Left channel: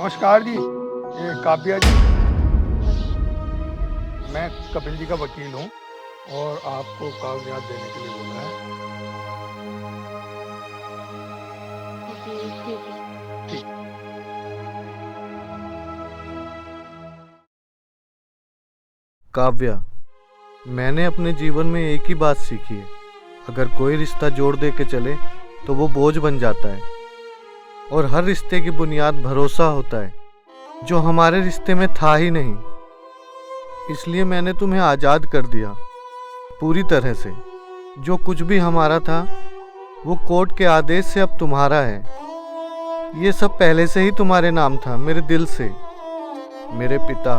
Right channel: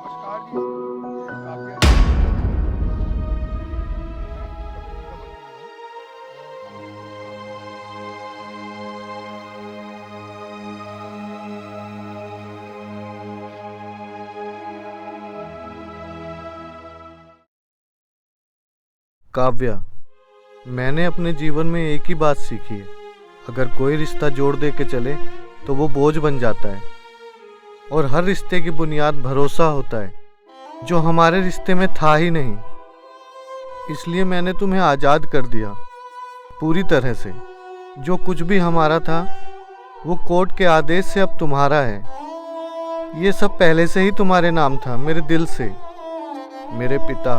नमस्कार जी, ये काव्या जी। मैं कपिल जी का वकील हूँ और आपको कागज़ात देने के लिए बोला है। जी, ठीक है। ठीक। काव्या, मैंने अपने जीवन में एक ही बात सीखी है। अगर कोई रिश्ता जोड़ दे के चले तो वो बोझ बन जाता है। और हर रिश्ते की बुनियाद भरोसा होता है, जो हमारे रिश्ते में था ही नहीं। इसलिए मैंने तुम्हें आज़ाद कर दिया, पूरी तरह से। जो कुछ भी हमारा था वो कोर्ट के आदेश से अब तुम्हारा है। ये सब पहले से ही तुम्हारे नाम था, मेरे दिल से। मेरे पिता,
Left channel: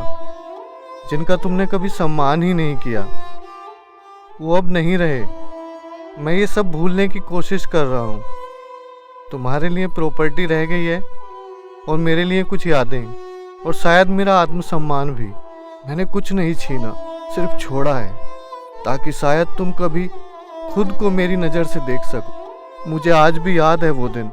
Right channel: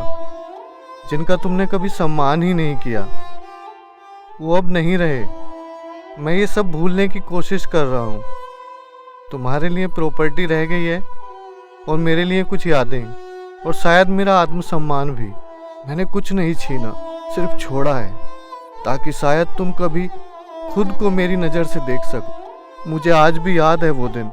जिनका तुमने कभी सम्मान ही नहीं किया, वो अब नहीं रहे। मैं ये सब भूलने की कोशिश कर रहा हूँ। तुम्हारे लिए प्रॉपर्टी रह गई है और मेरे लिए कुछ यादें, और शायद मेरा आत्मसम्मान भी। मैंने कुछ नहीं छीना, सिर्फ छोड़ा है, ताकि शायद तुम कभी खुद को मेरी नज़र से देख सको। मुझे आज भी याद है वो दिन।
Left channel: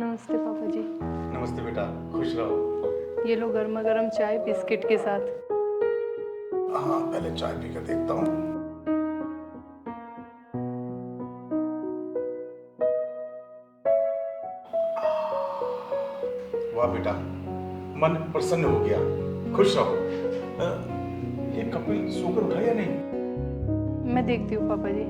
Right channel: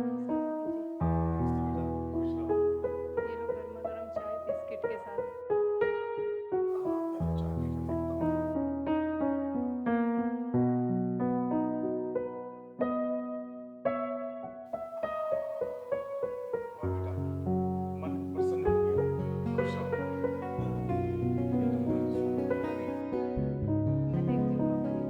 नमस्ते पापा जी। नमस्ते बेटा, खुश रहो। ये लो गर्मा गर्म चाय बिस्किट के साथ। हाँ, पहले चाय पी कर देखता हूँ। वाह बेटा, मन प्रसन्न हो गया। खुश रहो। ये कपिल सोकर उठा या नहीं? मैं देखती हूँ पापा जी।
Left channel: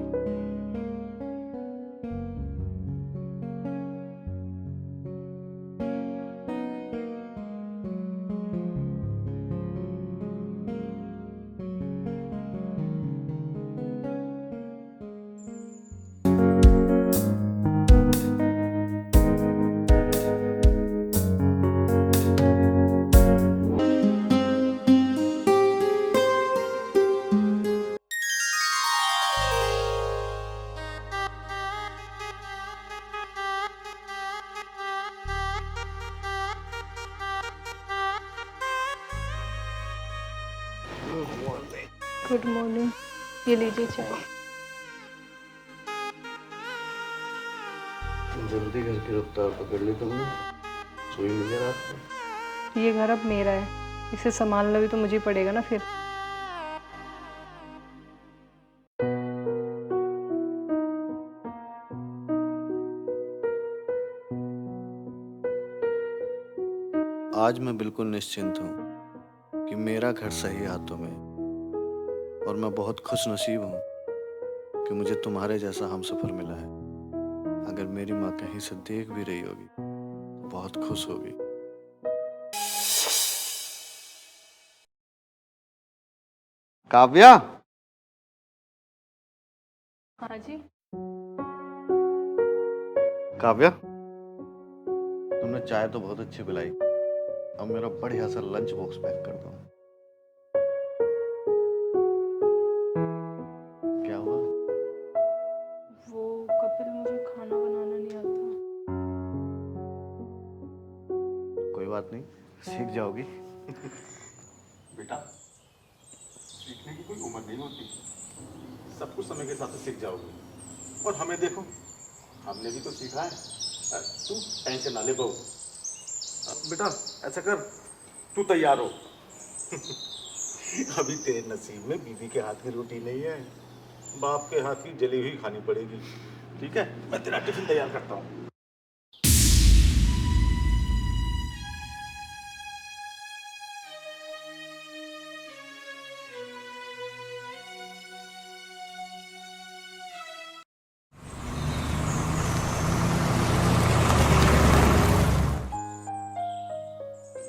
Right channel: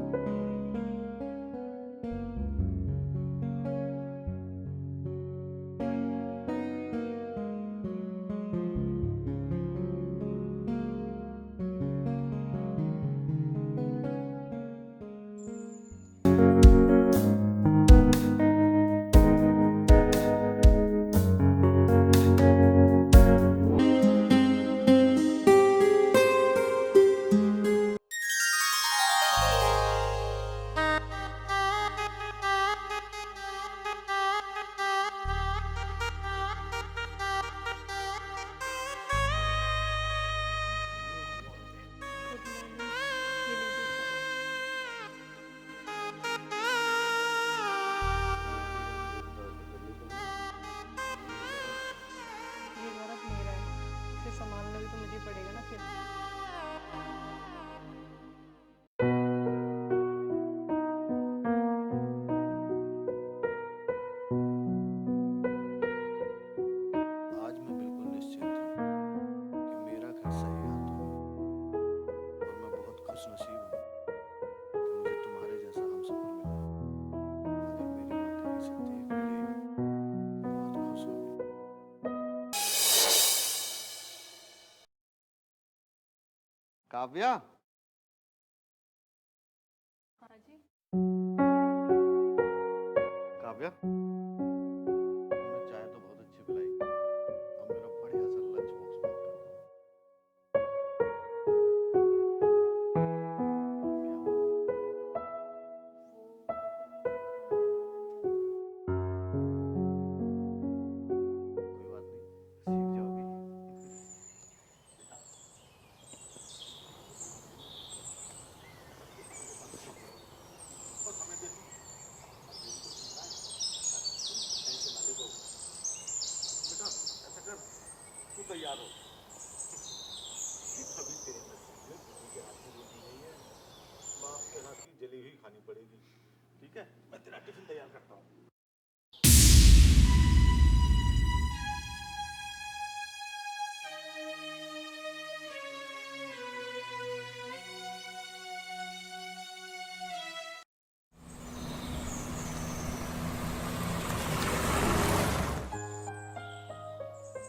Good morning. ये लीजिए चाय। जल्दी घर की रफ्तार पकड़ ली तुमने। कोई नजर आता? ये घर अब मेरा है, इसे संभालना भी तो मुझे ही पड़ेगा ना फिर। आज मैं बिल्कुल निश्चिंत हूँ कि मेरा घर सही हाथों में है। और मैं बहुत खुश नसीब हूँ कि मुझे तुम्हारे जैसा हमसफर मिला है। अगर मेरी माँ कहीं से देख भी रही होगी तो बहुत खुश होगी। काव्या, हाँ जी। काव्या, तुमने चाय तो बहुत अच्छी पिलाई। अब मेरा बढ़िया सा लंच बॉक्स पैक कर दो। क्या हुआ? वो कपिल, मुझे खाना बनाना नहीं आता। कोई बात नहीं, सीख जाओगी। बेटा, सीखने की कोई उम्र नहीं होती। सब कुछ समय के साथ सीख जाओगे। और हमें देखो, हमने भी तो सीखा है। तू टेंशन ना ले बहू। बेटा, ऐसा कर, तू तैयार हो। अभी तेरे नसीब में बीवी के हाथ की रोटी नहीं है, बाप के हाथ की जली हुई खानी पड़ेगी। ठीक है, मैं तेरा टिफिन तैयार करता हूँ।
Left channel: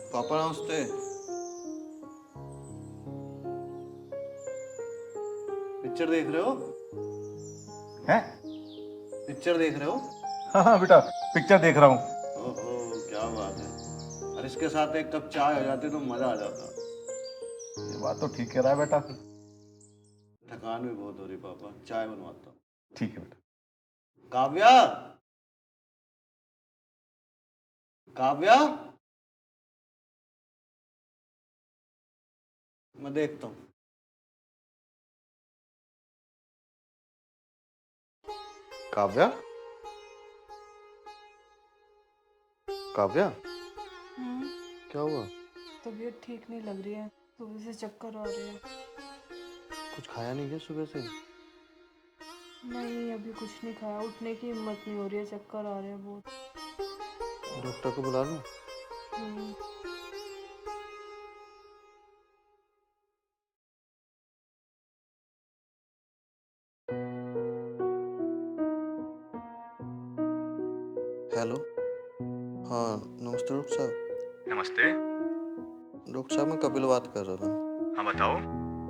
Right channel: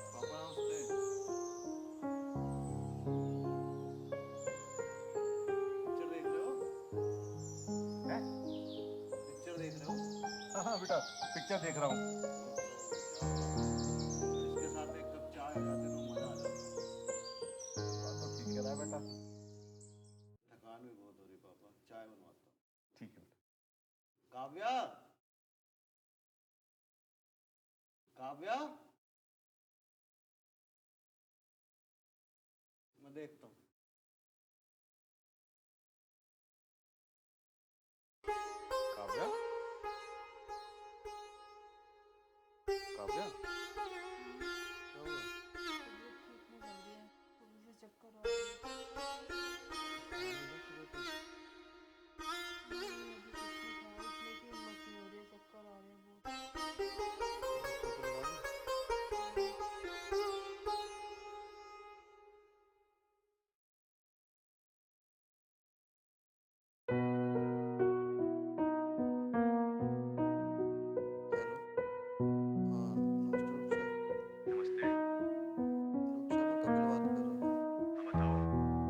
पापा नमस्ते। पिक्चर देख रहे हो? हैं? पिक्चर देख रहे हो? हाँ हाँ बेटा, पिक्चर देख रहा हूँ। ओहो, क्या बात है। और इसके साथ एक कप चाय हो जाती तो मजा आ जाता। ये बात तो ठीक कह रहा है बेटा। थकान भी बहुत हो रही पापा, चाय बनवाता हूँ। ठीक है बेटा। काव्या, काव्या, मैं देखता हूँ। काव्या, काव्या, हम्म, क्या हुआ? तबीयत ठीक नहीं लग रही है। सुबह से चक्कर आ रहे हैं। कुछ खाया नहीं क्या सुबह से? नहीं, अभी कुछ नहीं खाया। उठने की हिम्मत नहीं हो रही है, चक्कर आ रहे हैं बहुत। डॉक्टर को बुला लूं? हम्म, हेलो। हाँ, नमस्ते डॉक्टर साहब। नमस्ते। डॉक्टर साहब, मैं कपिल बात कर रहा था। हाँ बताओ।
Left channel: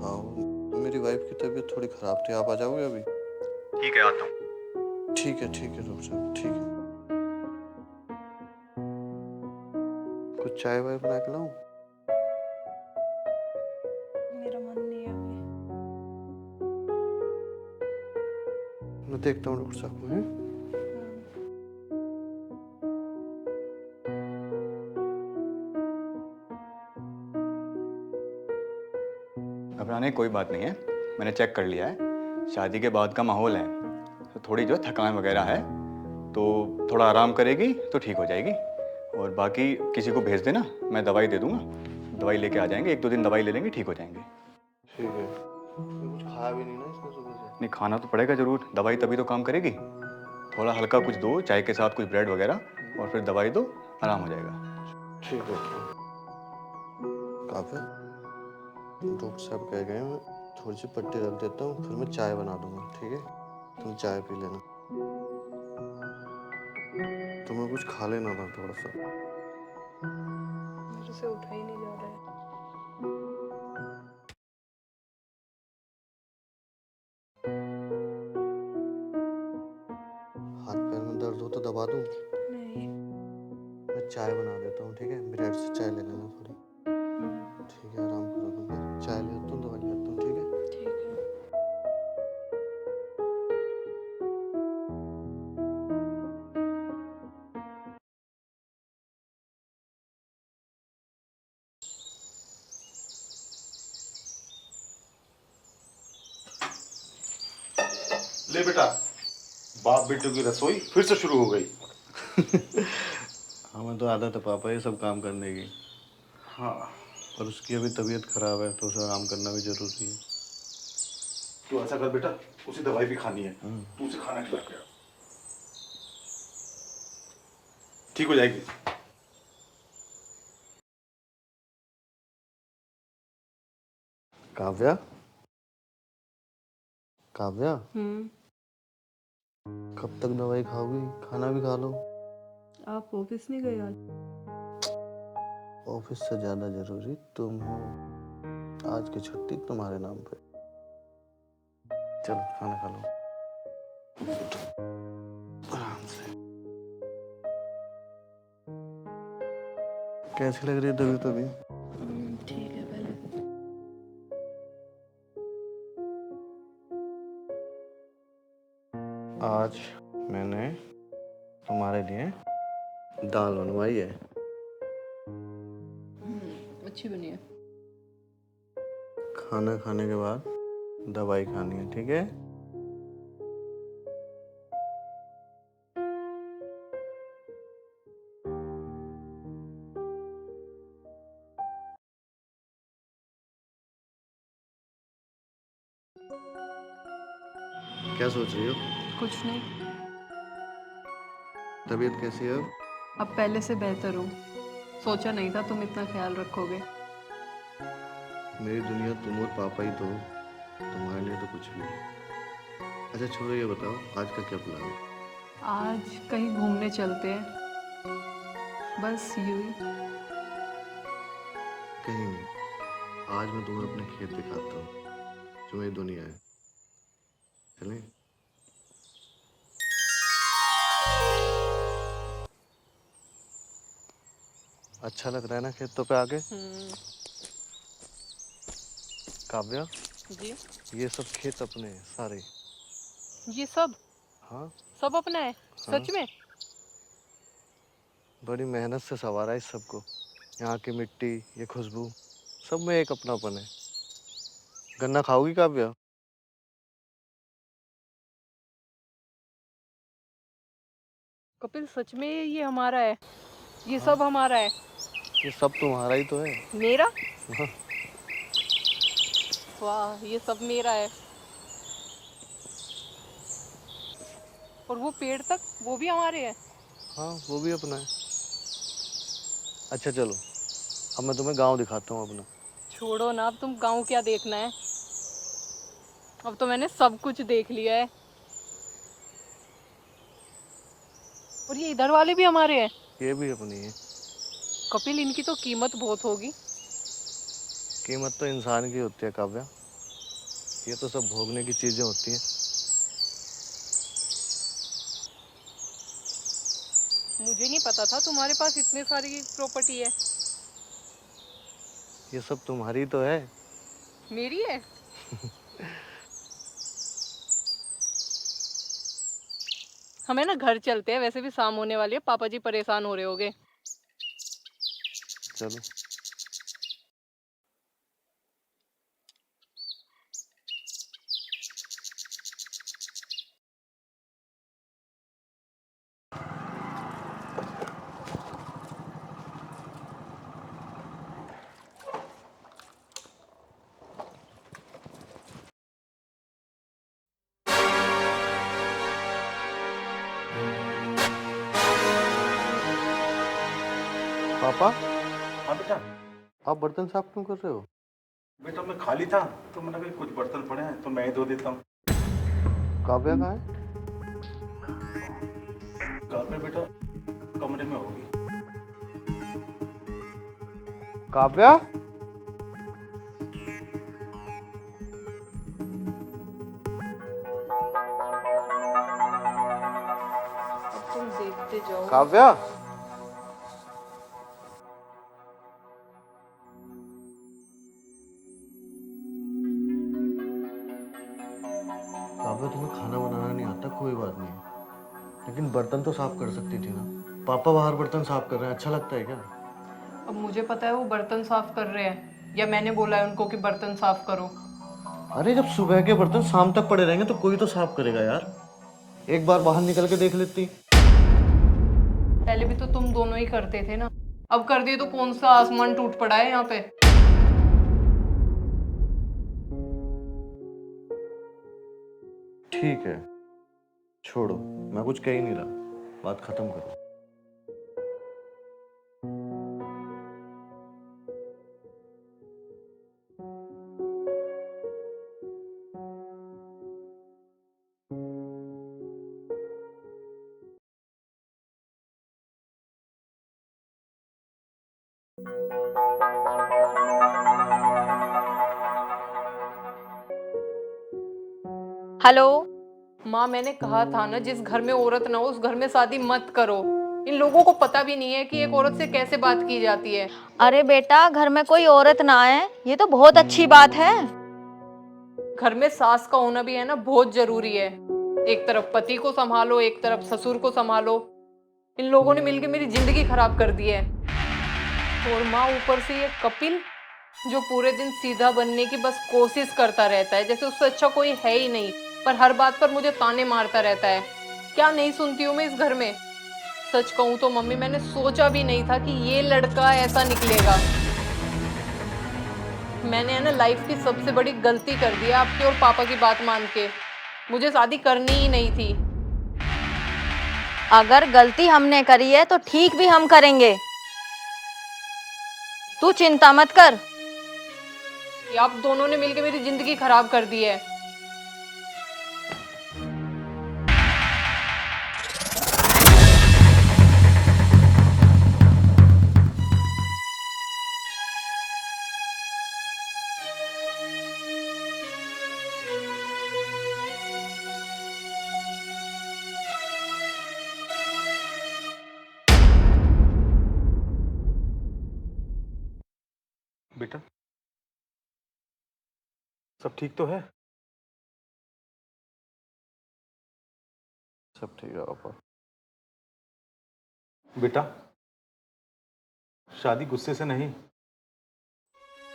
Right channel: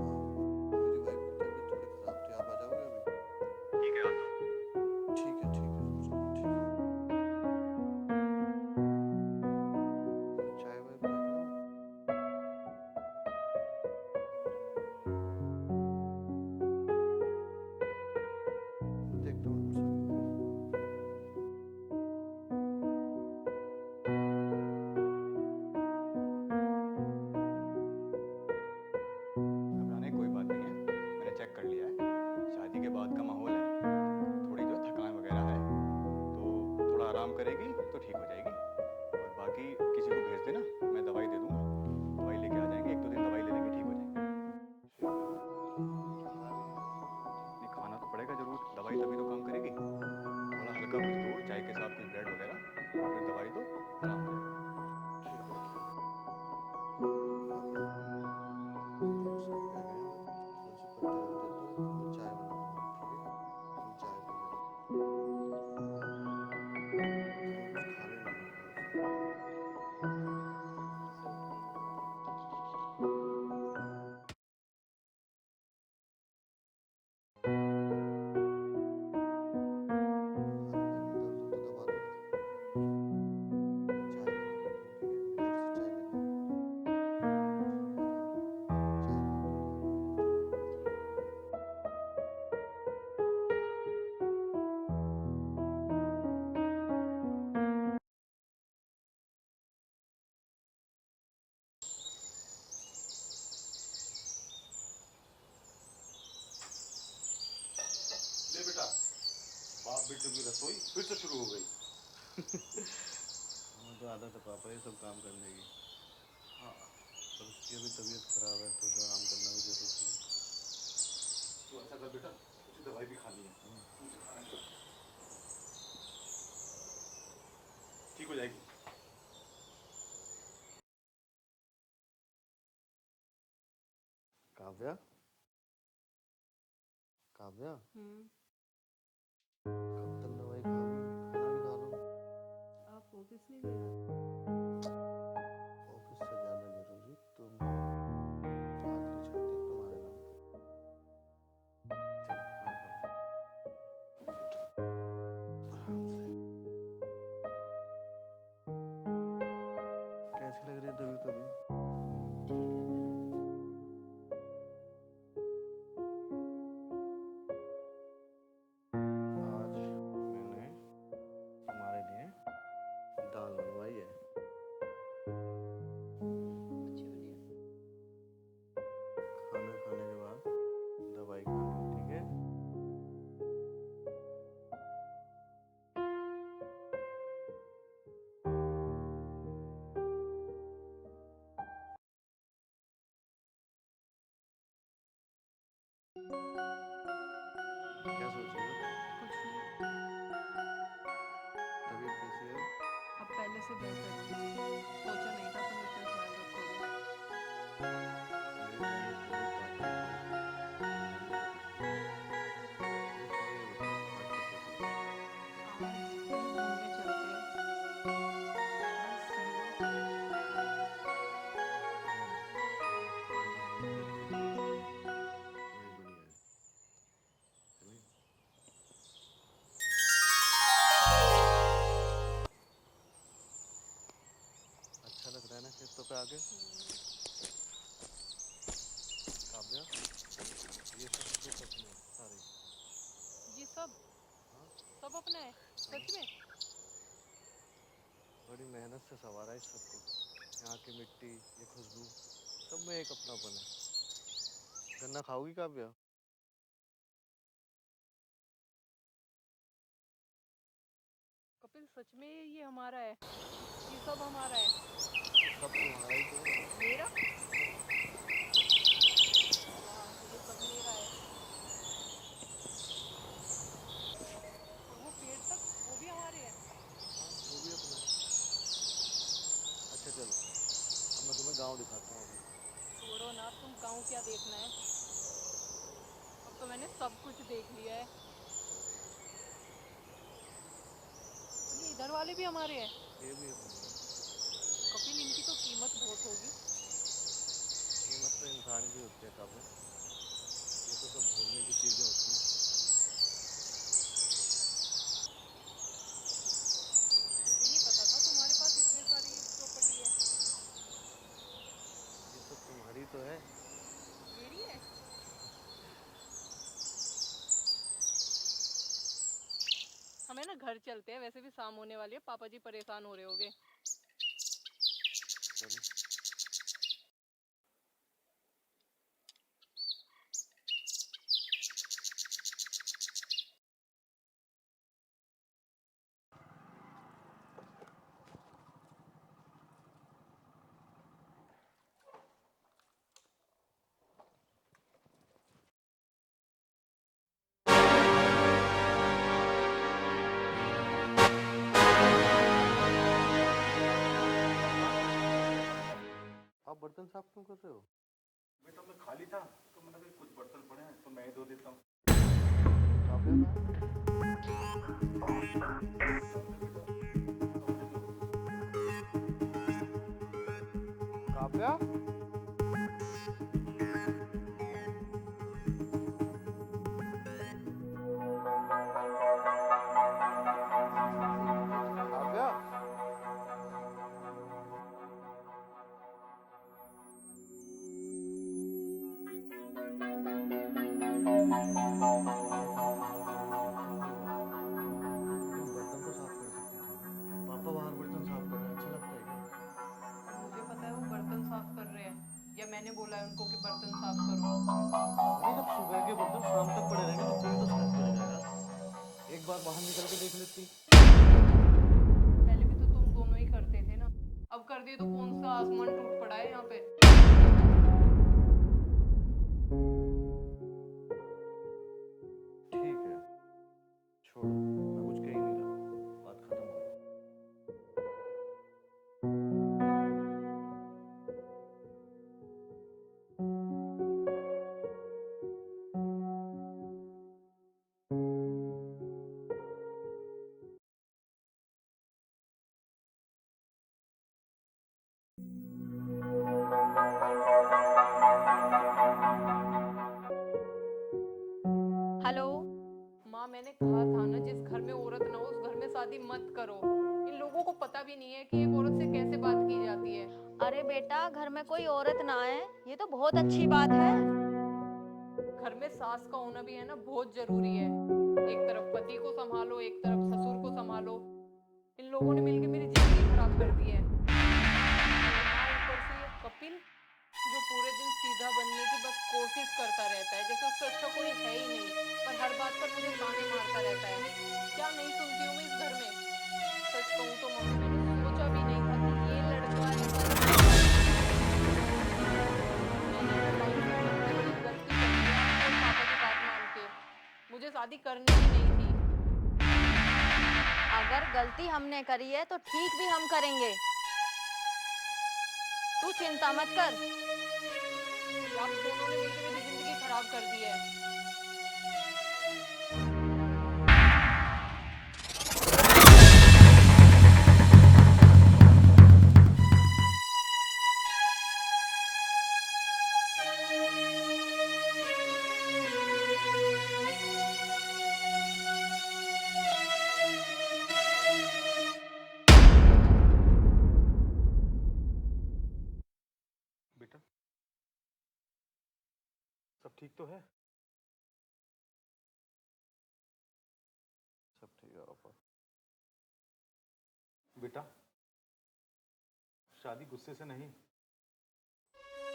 हाँ, वो मेरी वाइफ की तबीयत थोड़ी ख़राब थी, आप आ जाओगे अभी? ठीक है, आता हूँ। ठीक है डॉक्टर साहब, ठीक है। कुछ चाय वाय बना के लाऊं? मेरा मन नहीं है अभी। मैं देखता हूँ डॉक्टर साहब को, हैं? घबराने की कोई बात नहीं है, मैंने चेक कर लिया है। शादी के बाद का माहौल है, तो थोड़ी जो है थकान वगैरह है, तो थोड़ा आराम करेगी तो ठीक हो जाएगी। और बाकी किसी को भेज देना, मैं दवाई दे दूंगा, दवाई लेके आ जाएंगे। 1-2 दिन दवाई ले लेंगे, ठीक हो जाएंगे। ठीक है। मैं कुछ खाया भी नहीं ना इसने सुबह से। नहीं, खाना तो पड़ेगा ज़रूर, दवाई तभी तो काम करेगी। थोड़ा हल्का कुछ दो, चाय के साथ कुछ ब्रेड वगैरह, और फिर दवाई दो, आराम हो जाएगा। ठीक है। काफी, डॉक्टर साहब कह गए, मैं थोड़ी सी पट्टी रख देता हूँ, फिर मैं चाय बना दूंगा, ठीक है? तुम चाय पी लेना। तुम्हें कुछ खा लेना था थोड़ा सा। मेरे से उठा ही नहीं जा रहा है। हाथ पैर में दर्द हो तो दबा दूँ? नहीं। मैं चाय बना देता हूँ, ठीक है? ब्रेड से चाय ले लेना थोड़ी। ठीक है, आराम करो तुम, फिर चाय ले लेता हूँ, दवाई ले लेता हूँ, ठीक है? ठीक है। ले बेटा, बाप बेटों की रसोई फिर से शुरू हो गई। हमें तो आदत है पापा ये सब काम करने की, हाँ, पर उसकी अभी तबीयत खराब है तो उसे आराम करना भी जरूरी है। तू ऐसा कर बेटा, उसे दवाई भी खानी है, तू उसे खाना खिला के आ। ठीक हो जाएगी। काव्या, काव्या, हम्म, कब तक दवाई खाओगी? खाना भी खा लो। आप ऑफिस नहीं गए आज? ऑफिस से ज्यादा जरूरी तुम हो। आज की छुट्टी तुम्हारे नाम पे। चलो खाना खा लो आराम से। कैसी लग रही है तबीयत अभी? ठीक है पहले। आज मैंने तुम्हारे लिए दाल बनवाई है। अच्छी बनी है। खाना खाने के बाद दवाई खानी है, ठीक है? क्या सोच रही हो? कुछ नहीं। तबीयत कैसी है अब? अब पहले से बेहतर हूँ। सोचा नहीं था तुम इतना ख्याल रखोगे। मेरी दुनिया तुम और पापा ही तो हो। तुम्हारे लिए तो कुछ भी नहीं। अच्छा छोड़ो, ये बताओ आज का क्या प्लान है? आज कहीं घूमने चलते हैं, बस यूं ही। कहीं नहीं। आज मैं तुम्हें अपने खेत दिखाता हूँ, जो मेरी दुनिया है। चलें? अच्छा लग रहा है ना खेतों पे आके? काव्या, जी। ये सब खेत अपने हैं सारे। ये सब हाँ सब अपना है? हाँ, सच में? बड़ी मेहनत से संवारा है इस सबको। यहाँ की मिट्टी, ये खुशबू, सब में एक अपनापन है। गन्ना खाओगी काव्या? कपिल सच में ये हमारा है, ये सब हमारा है। ये सब तुम्हारा ही तो है। मेरा? वाह, ये सब मेरा है। और वो पेड़ तक, वो भी हमारे हैं। हाँ, वो भी अपना है। अच्छा चलो, अब मैं तुम्हें गांव दिखाता हूँ अपना। छोड़ो ना, अब तुम गांव क्या देखना है, अब तो मैंने सब कुछ देख लिया है। और ये इधर वाले भी हमारे हैं। ये भी अपनी है। कपिल, इनकी तो कीमत बहुत होगी। कीमत तो इंसान की होती है काव्या, ये तो सब भोगने की चीजें होती हैं। मुझे नहीं पता था तुम्हारे पास इतने सारी प्रॉपर्टी है। ये सब तुम्हारी तो है। मेरी है? हमें ना घर चलते हैं, वैसे भी शाम होने वाली है, पापा जी परेशान हो रहे होगे। चलो। पापा, हाँ बेटा। आप बर्तन साफ क्यों कर रहे हो? बेटा मैं खाली था तो मैंने कहा कुछ बर्तन पड़े हैं तो मैं ही धो देता हूँ। काव्या कहाँ है? घर में बेटा कमरे में होगी। काव्या? तुम देखते जाओ। काव्या? काव्या, तुम्हें खाना बनाना नहीं आता, कोई बात नहीं, लेकिन बर्तन तो साफ कर सकती थी ना। पापा बाहर बर्तन साफ कर रहे हैं, अच्छा लगता है क्या? अब मुझे पता है वो बर्तन साफ कर रहे हैं, या मैंने बोला है उनको कि बर्तन साफ करो। अरे जब सुबह के बर्तन शाम तक पड़े रहेंगे तो कोई तो साफ करेगा यार। एक बार बाहर निकल के देख लेती। पहले भी तो तुम दोनों ही करते थे ना, अब कर दिए तो कौन सा आसमान टूट पड़ा है यहाँ पे। ठीक है, छोड़ो, मैं कुछ कह ही नहीं रहा, बात खत्म करो। हेलो। माँ, मैंने कहा था ना, जिस घर में औरत ना हो उस घर में शादी मत करो। इन लोगों को पता भी नहीं है कि एक औरत से कैसे बात की जाती है। अरे बेटा, घर में कोई औरत ना आए, ये तो बहुत अच्छी बात है। घर में सास का होना भी है ना, बहुत जरूरी है। एक तरफ पति को संभालो, एक तरफ ससुर को संभालो। इन लोगों ने मिलकर मेरी जिंदगी खराब कर दी है। और माँ, ऊपर से ये कपिल जो पूरे दिन सीधा बनने की बस कोशिश करता रहता है, जैसे उससे अच्छा कोई है ही नहीं, पर हर बात पर मुझे ताने मारता रहता है। क्या नहीं सुनती हूँ मैं इस घर में। सच कहूँ तो मम्मी, मैंने सोचा भी नहीं था कि ये लड़का ऐसा निकलेगा। मैंने है ना लाइफ की सबसे बड़ी गलती कर दी आपके और पापा की बात मान के। मुझे शादी करनी ही नहीं थी। अगर गलती हमने करी है तो ठीक भी हम करेंगे, तू चिंता मत कर। ये आप दोनों ने मिलकर मेरी जिंदगी खराब कर दी है। बेटा सब ठीक तो है? सब ठीक है पापा। बेटा शादी गुस्से से नहीं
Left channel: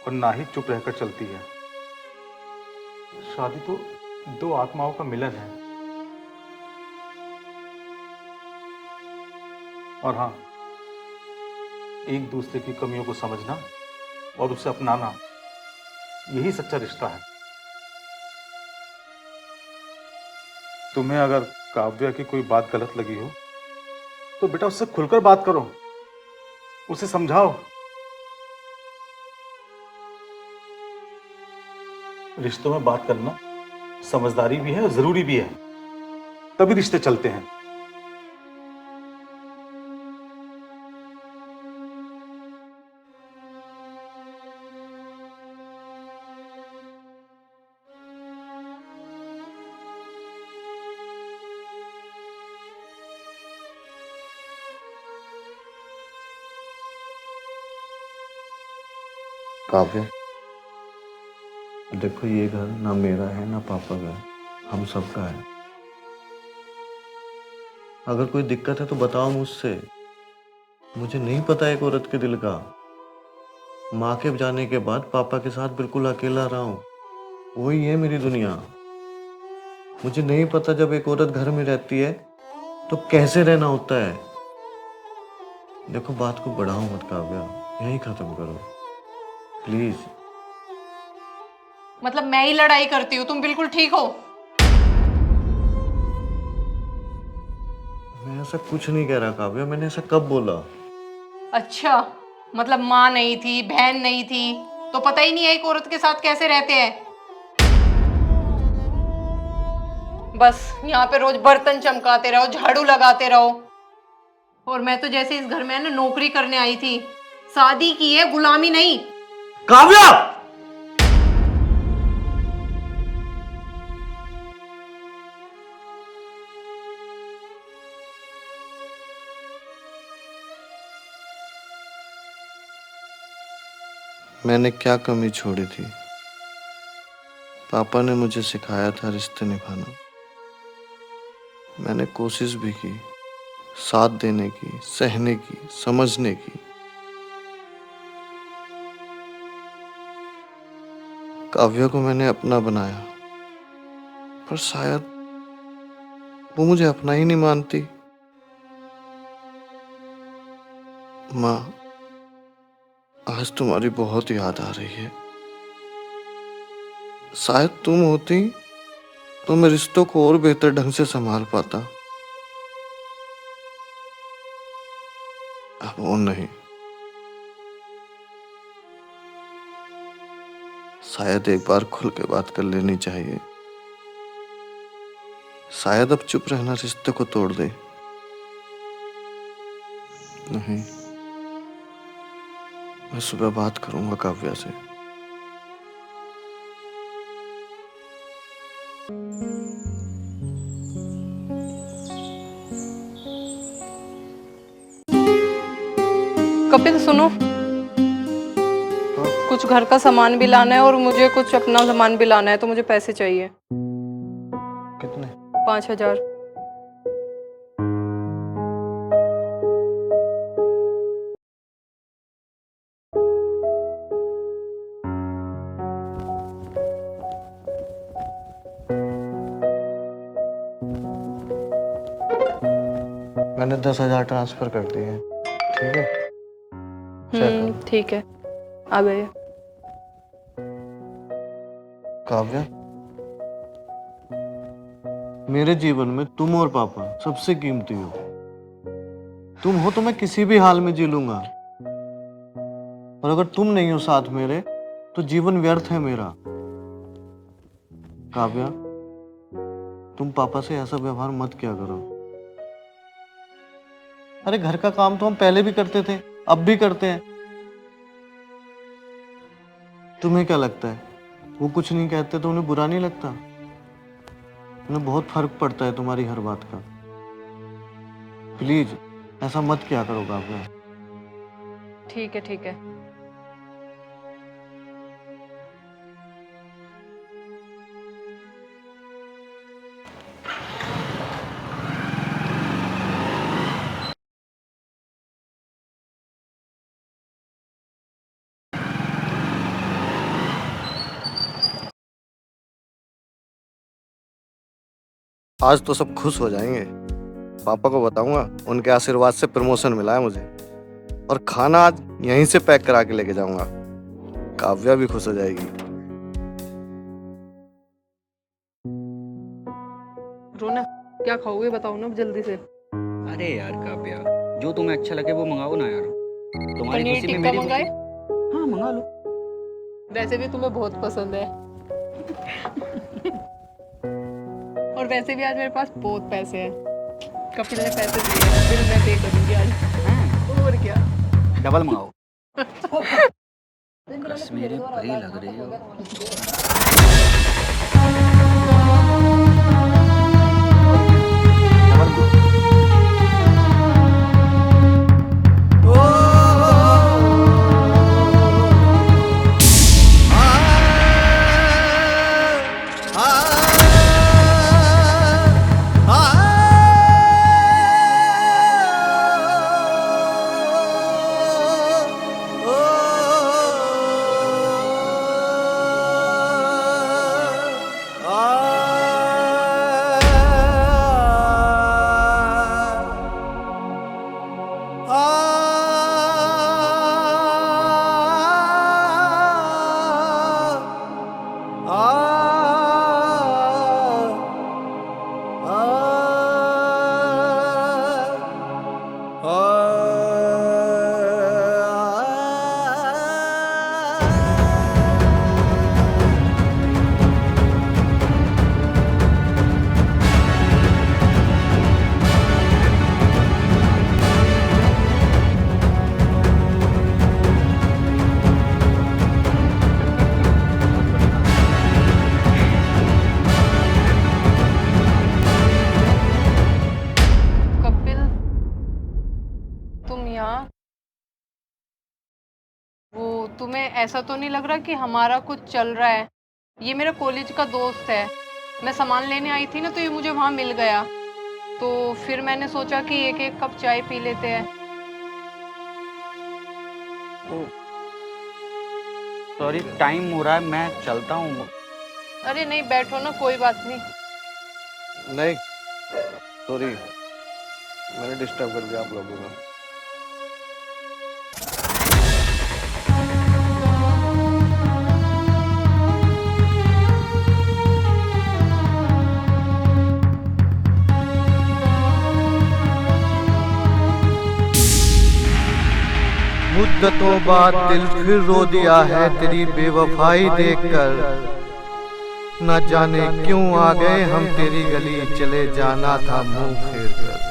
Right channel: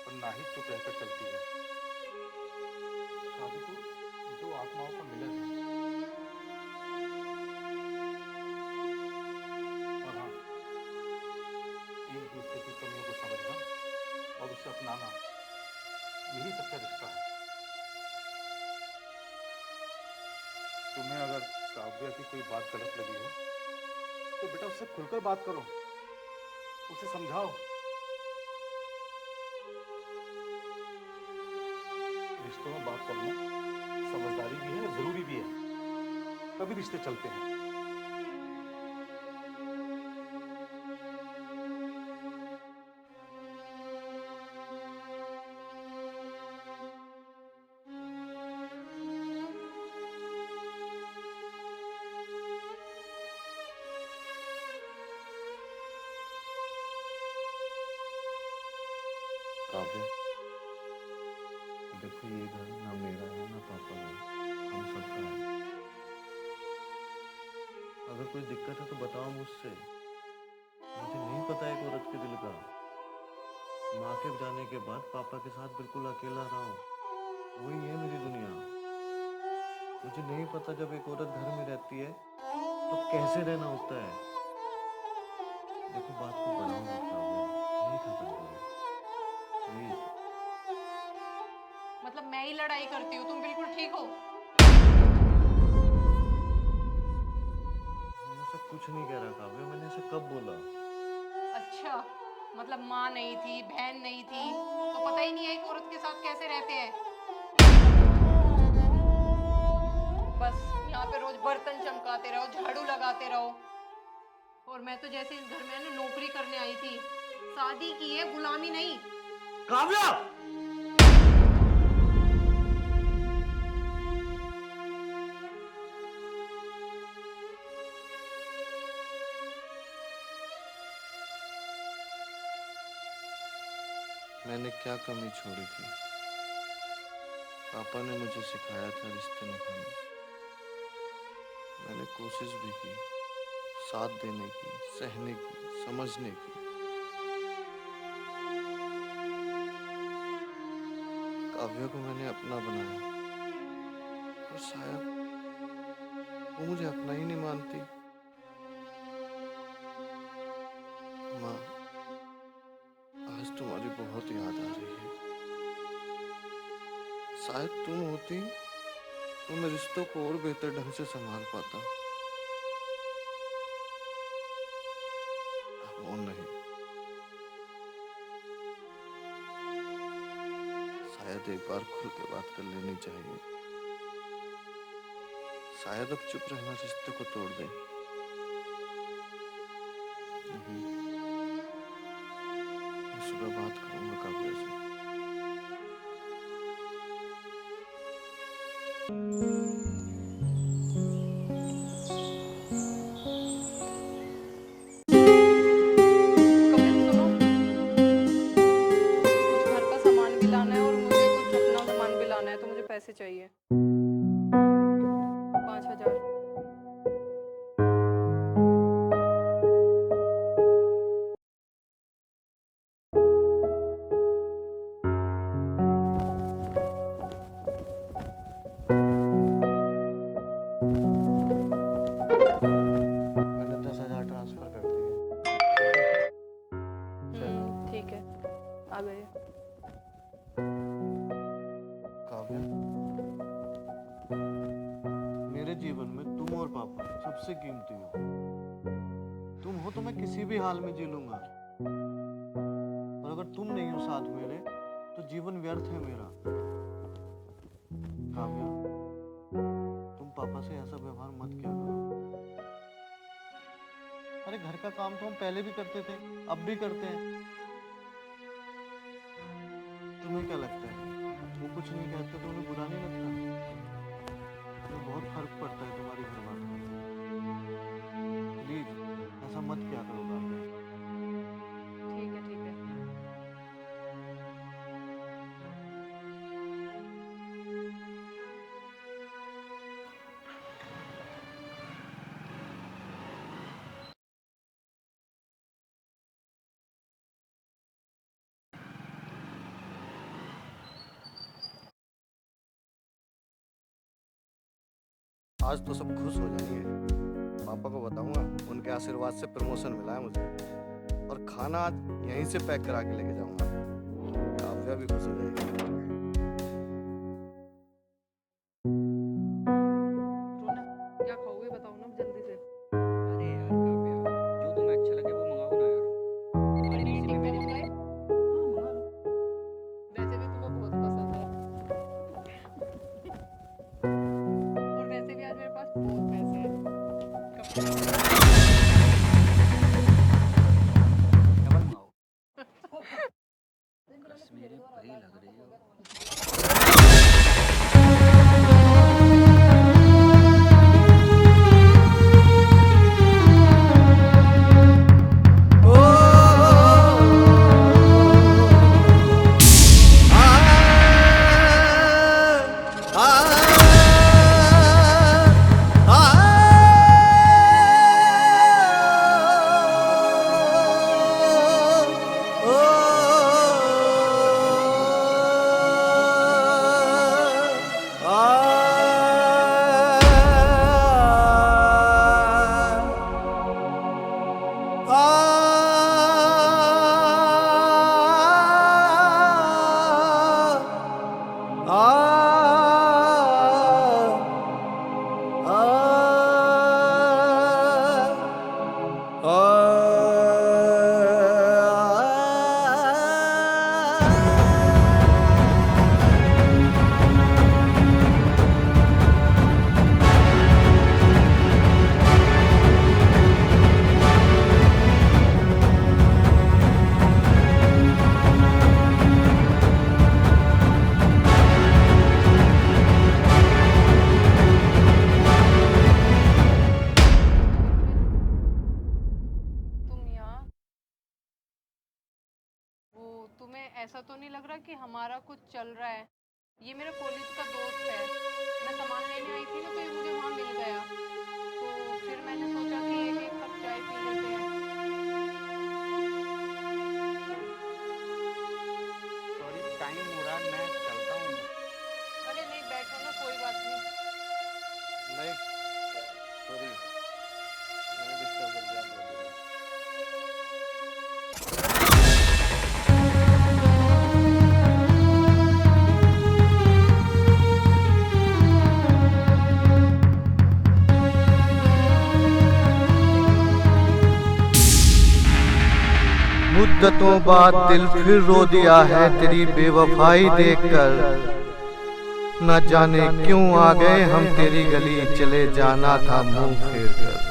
और ना ही चुप रहकर चलती है। शादी तो दो आत्माओं का मिलन है। और हाँ, एक दूसरे की कमियों को समझना और उसे अपनाना, यही सच्चा रिश्ता है। तुम्हें अगर काव्या की कोई बात गलत लगी हो तो बेटा उससे खुलकर बात करो, उसे समझाओ। रिश्तों में बात करना समझदारी भी है और जरूरी भी है, तभी रिश्ते चलते हैं। काव्य, देखो ये घर ना मेरा है ना पापा का है, हम सबका है। अगर कोई दिक्कत है तो बताओ मुझसे। मुझे नहीं पता एक औरत के दिल का। माँ के जाने के बाद पापा के साथ बिल्कुल अकेला रहा हूँ, वही है मेरी दुनिया। मुझे नहीं पता जब एक औरत घर में रहती है तो कैसे रहना होता है। देखो बात को बढ़ाओ मत काव्या, यही खत्म करो प्लीज। मतलब मैं ही लड़ाई करती हूँ, तुम बिल्कुल ठीक हो? मैं ऐसा कुछ नहीं कह रहा काव्या, मैंने ऐसा कब बोला? अच्छा, मतलब माँ नहीं थी, बहन नहीं थी, तो पता ही नहीं है एक औरत के साथ कैसे रहते हैं। बस यहाँ पे रोज बर्तन चमकाते रहो, झाड़ू लगाते रहो। और मैं तो जैसे इस घर में है ना नौकरी करने आई थी, शादी की है, गुलामी नहीं। काव्या! मैंने क्या कमी छोड़ी थी? पापा ने मुझे सिखाया था रिश्ते निभाना। मैंने कोशिश भी की, साथ देने की, सहने की, समझने की। काव्या को मैंने अपना बनाया, पर शायद वो मुझे अपना ही नहीं मानती। माँ, आज तुम्हारी बहुत याद आ रही है। शायद तुम होती तो मैं रिश्तों को और बेहतर ढंग से संभाल पाता। अब वो नहीं। शायद एक बार खुल के बात कर लेनी चाहिए। शायद अब चुप रहना रिश्ते को तोड़ दे। नहीं, मैं सुबह बात करूंगा काव्या से। कपिल सुनो, कुछ घर का सामान भी लाना है और मुझे कुछ अपना सामान भी लाना है, तो मुझे पैसे चाहिए। कितने? 5,000। मैंने 10,000 ट्रांसफर कर दिए हैं, ठीक है? चेक करो। ठीक है, आ गए। काव्या, मेरे जीवन में तुम और पापा सबसे कीमती हो। तुम हो तो मैं किसी भी हाल में जी लूंगा, और अगर तुम नहीं हो साथ मेरे तो जीवन व्यर्थ है मेरा। काव्या, तुम पापा से ऐसा व्यवहार मत किया करो। अरे घर का काम तो हम पहले भी करते थे, अब भी करते हैं। तुम्हें क्या लगता है वो कुछ नहीं कहते तो उन्हें बुरा नहीं लगता? उन्हें बहुत फर्क पड़ता है तुम्हारी हर बात का। प्लीज ऐसा मत किया करो काव्या। ठीक है, ठीक है। आज तो सब खुश हो जाएंगे। पापा को बताऊंगा, उनके आशीर्वाद से प्रमोशन मिला है मुझे। और खाना आज यहीं से पैक करा के लेके जाऊंगा। काव्या भी खुश हो जाएगी। रोना, क्या खाओगे बताओ ना जल्दी से। अरे यार काव्या, जो तुम्हें अच्छा लगे वो मंगाओ ना यार। तुम्हारी पनीर खुशी में टिक्का मेरी मंगाए? खुशी। हाँ मंगा लो। वैसे भी तुम्हें बहुत पसंद है। और वैसे भी आज मेरे पास बहुत पैसे हैं। कपिल ने पैसे दिए हैं, फिर मैं दे दूंगी आज। और क्या। डबल मंगाओ। कश्मीरी परी लग रही हो। कपिल, तुम यहाँ? वो तुम्हें ऐसा तो नहीं लग रहा कि हमारा कुछ चल रहा है? ये मेरा कॉलेज का दोस्त है। मैं सामान लेने आई थी ना, तो ये मुझे वहाँ मिल गया। तो फिर मैंने सोचा कि एक एक कप चाय पी लेते हैं। सॉरी, टाइम हो रहा है, मैं चलता हूँ। अरे नहीं, बैठो ना, कोई बात नहीं। नहीं, सॉरी, मैंने डिस्टर्ब कर दिया आप लोगों को। मुद्दतों बाद दिल फिर रो दिया है तेरी बेवफाई देखकर। न जाने क्यों आ गए हम तेरी गली, चले जाना था मुंह फेर कर।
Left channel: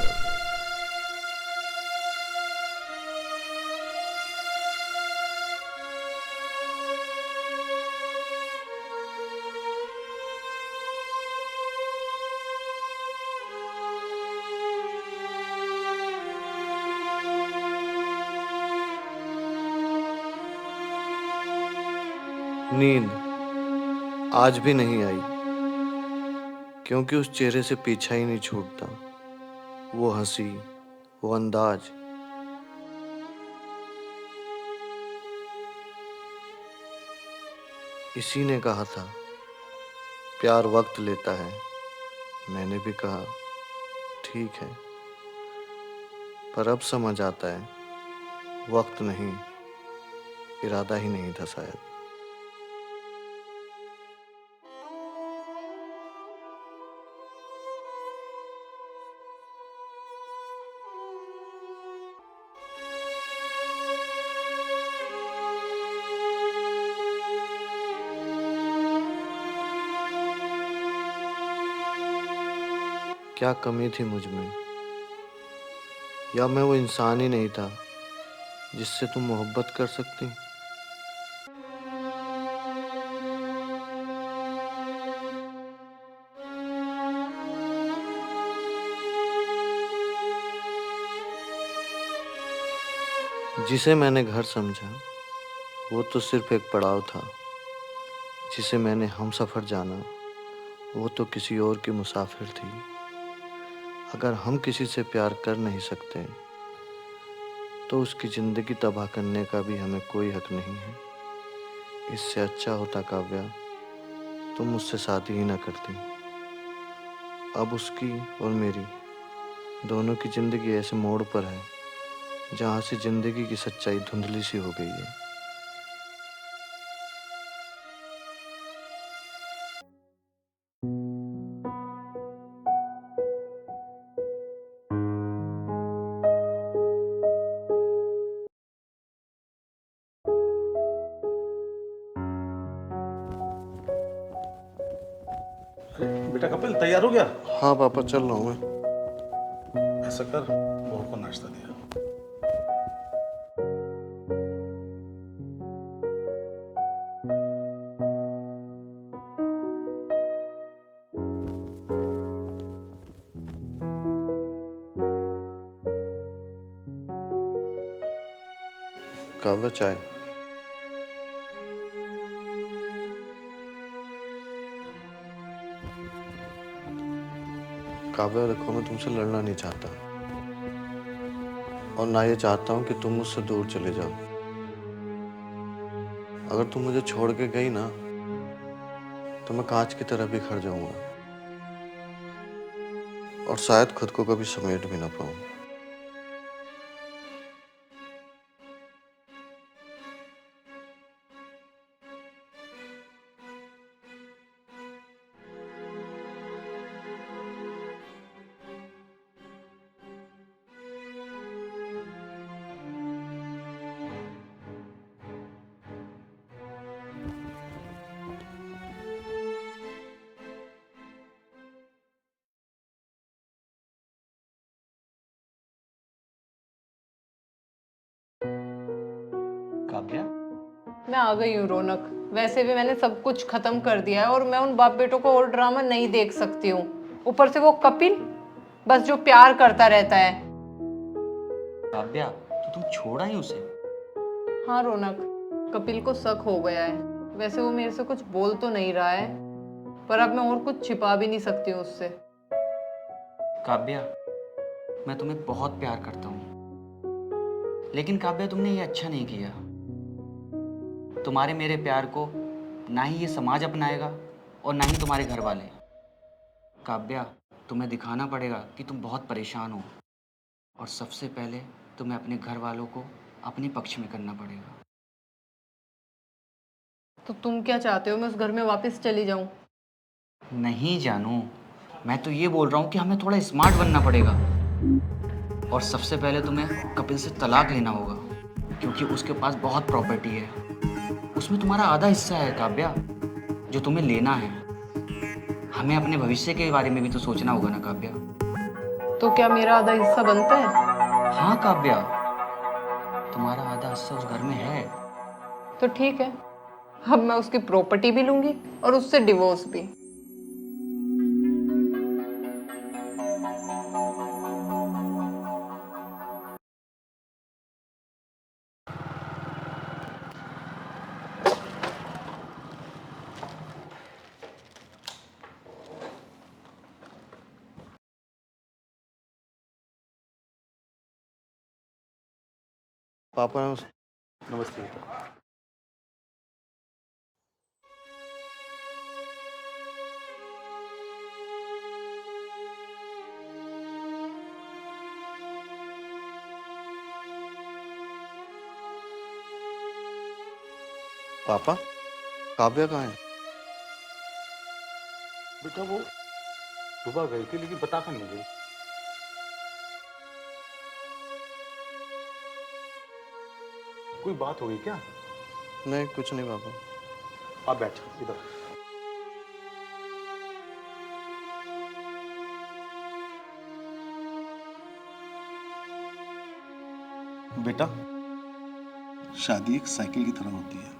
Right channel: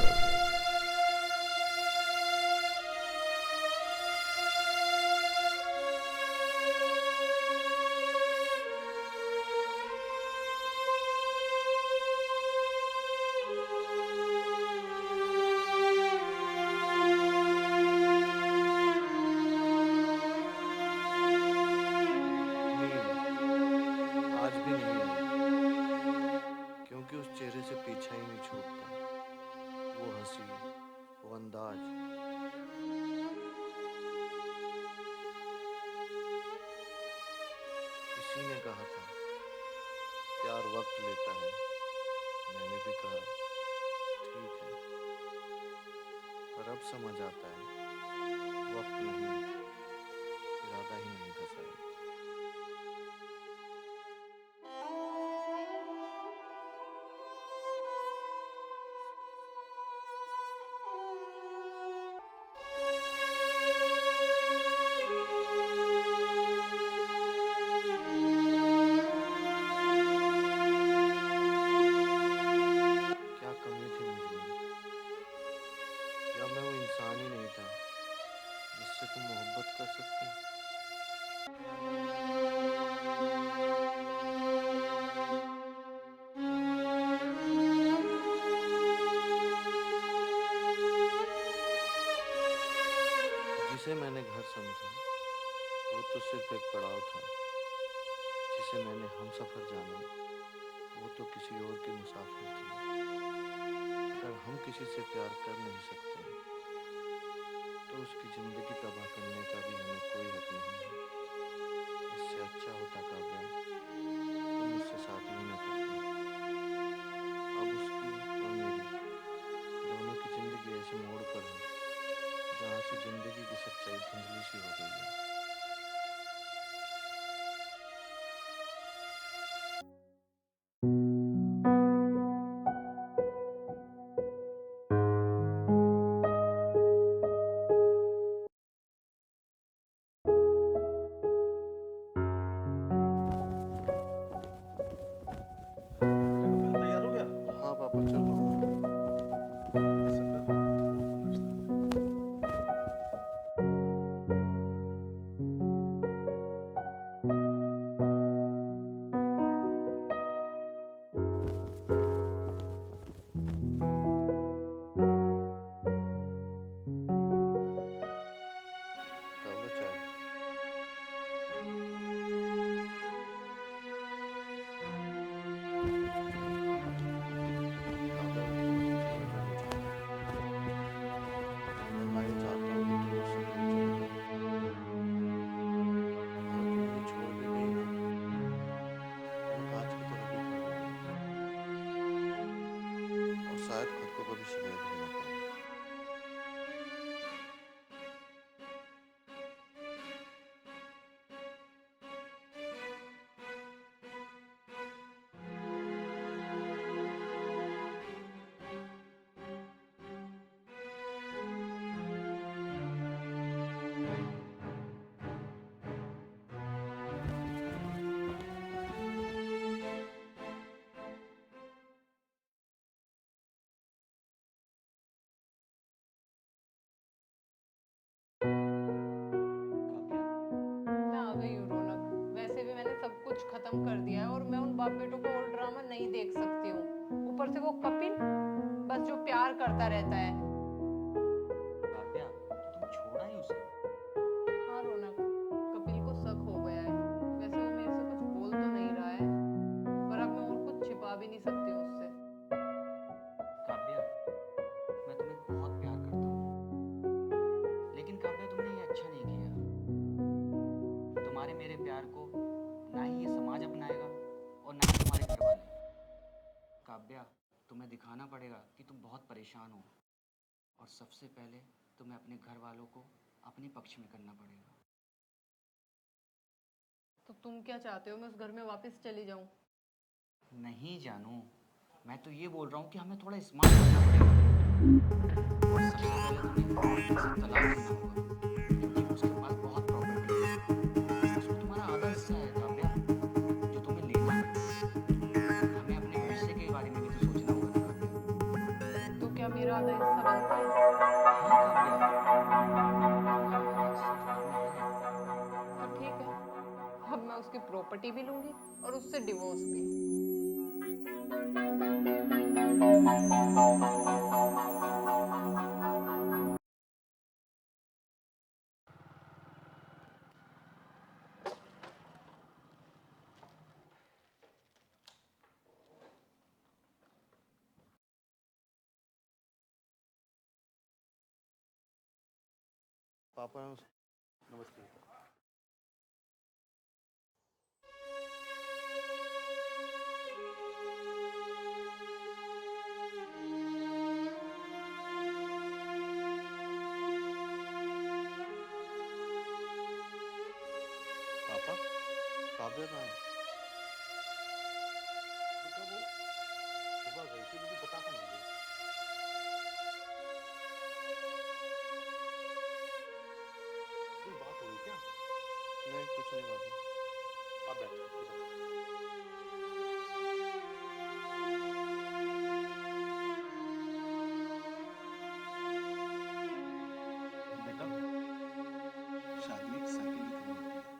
नींद आज भी नहीं आई, क्योंकि उस चेहरे से पीछा ही नहीं छूटता। वो हंसी, वो अंदाज। इसी ने कहा था प्यार वक्त लेता है। मैंने भी कहा ठीक है, पर अब समझ आता है वक्त नहीं, इरादा ही नहीं था शायद। क्या कमी थी मुझ में, या मैं वो इंसान ही नहीं था जिससे तुम मोहब्बत कर सकती? जिसे मैंने घर समझा वो तो सिर्फ एक पड़ाव था। जिसे मैंने हमसफर जाना वो तो किसी और की मुसाफिर थी। अगर हम किसी से प्यार कर नहीं सकते तो उसकी ज़िंदगी तबाह करने का भी हमें कोई हक नहीं है। इससे अच्छा होता काव्या तुम मुझसे शादी ही ना करती। अब उसकी और मेरी दोनों की जिंदगी ऐसे मोड़ पर है जहाँ से जिंदगी की सच्चाई धुंधली सी हो गई है। बेटा कपिल तैयार हो गया? हाँ पापा, चल रहा हूँ मैं। ऐसा कर, बहू को नाश्ता दिया। काव्या, चाय। काव्या, देखो मैं तुमसे लड़ना नहीं चाहता और ना ये चाहता हूँ कि तुम मुझसे दूर चले जाओ। अगर तुम मुझे छोड़ के गई ना तो मैं कांच की तरह बिखर जाऊंगा और शायद खुद को कभी समेट भी ना पाऊं। काव्या, मैं आ गई हूँ रौनक। वैसे भी मैंने सब कुछ खत्म कर दिया है और मैं उन बाप बेटों को और ड्रामा नहीं देख सकती हूँ। ऊपर से वो कपिल, बस जो प्यार करता रहता है। काव्या, तो तुम छोड़ा ही उसे? हाँ रौनक, कपिल को शक हो गया है। वैसे वो मेरे से कुछ बोल तो नहीं रहा है, पर अब मैं और कुछ छिपा भी नहीं सकती हूँ उससे। काव्या, मैं तुम्हें बहुत प्यार करता हूँ, लेकिन काव्या तुमने ये अच्छा नहीं किया। तुम्हारे मेरे प्यार को ना ही ये समाज अपनाएगा और ना ही तुम्हारे घर वाले। काव्या, तुम्हें दिखाना पड़ेगा कि तुम बहुत परेशान हो, और सबसे पहले तुम्हें अपने घर वालों को अपने पक्ष में करना पड़ेगा। तो तुम क्या चाहते हो, मैं उस घर में वापस चली जाऊं? नहीं जानू, मैं तो ये बोल रहा हूँ कि हमें थोड़ा स्मार्ट बनना पड़ेगा, और सबसे पहले तुम्हें कपिल से तलाक लेना होगा, क्योंकि उसके पास बहुत प्रॉपर्टी है। उसमें तुम्हारा आधा हिस्सा है काव्या, जो तुम्हें लेना है। हमें अपने भविष्य के बारे में भी तो सोचना होगा ना काव्या। तो क्या मेरा आधा हिस्सा बनता है? हाँ काव्या, तुम्हारा आधा हिस्सा उस घर में है। तो ठीक है, अब मैं उसकी प्रॉपर्टी भी लूंगी और उससे डिवोर्स भी। पापा, नमस्ते बेटा। पापा, काव्या कहाँ है? बेटा वो सुबह गई थी लेकिन बता कर नहीं गई। कोई बात हो गई क्या? नहीं, कुछ नहीं पापा। आप बैठ इधर। बेटा, शादी एक साइकिल की तरह होती है,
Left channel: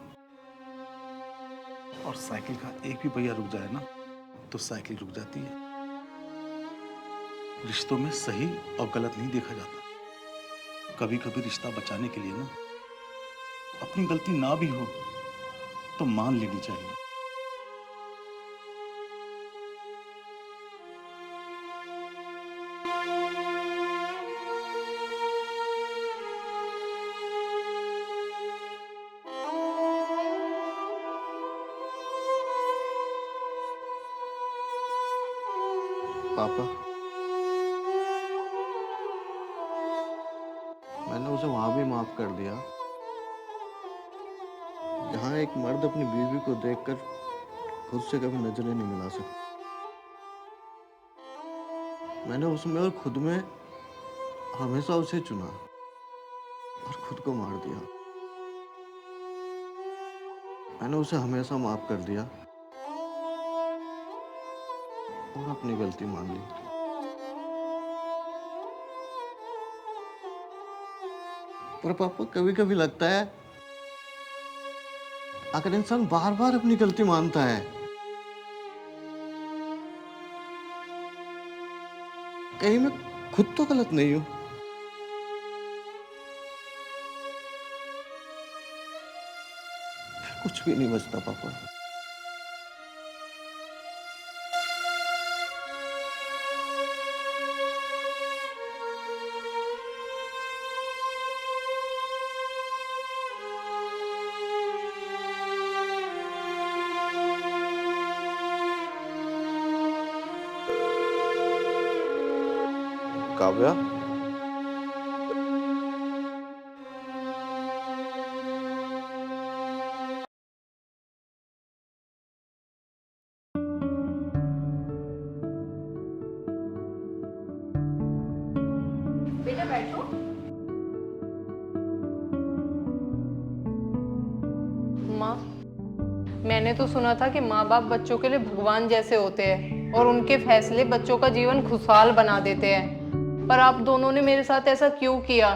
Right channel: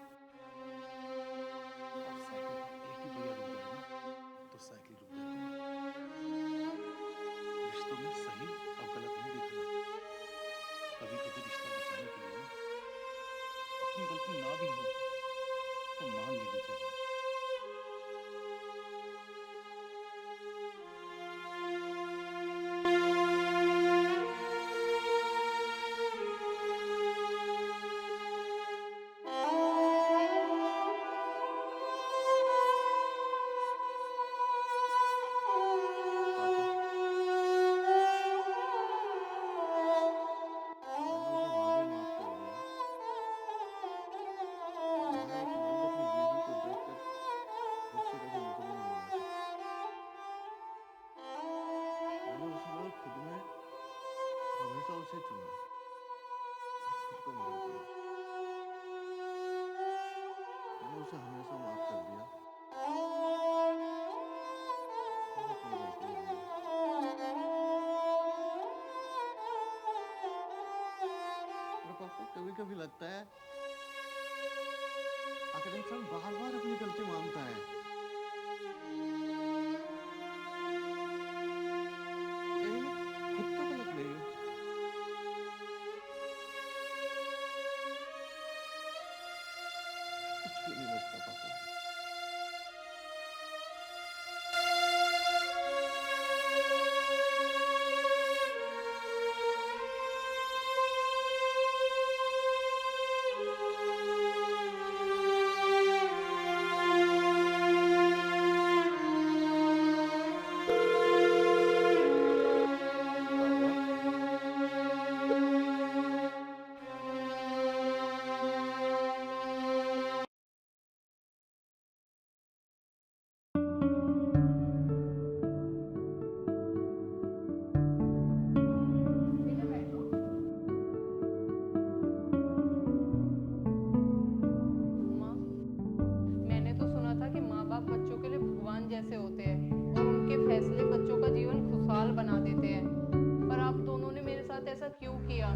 और साइकिल का एक भी पहिया रुक जाए ना तो साइकिल रुक जाती है। रिश्तों में सही और गलत नहीं देखा जाता। कभी कभी रिश्ता बचाने के लिए ना अपनी गलती ना भी हो तो मान लेनी चाहिए। पापा, अपनी बीवी को देखकर खुद से कभी नजरें नहीं मिला सका। मैंने उसमें और खुद में हमेशा उसे चुना और खुद को मार दिया। मैंने उसे हमेशा माफ कर दिया और अपनी गलती मान ली। पर पापा कभी कभी लगता है अगर इंसान बार बार अपनी गलती मानता है, कहीं मैं खुद तो गलत नहीं हूं। कुछ भी नहीं बचता पापा। काव्या, बेटा बैठो। माँ, मैंने तो सुना था कि माँ बाप बच्चों के लिए भगवान जैसे होते हैं और उनके फैसले बच्चों का जीवन खुशहाल बना देते हैं। पर आप दोनों ने मेरे साथ ऐसा क्यों किया?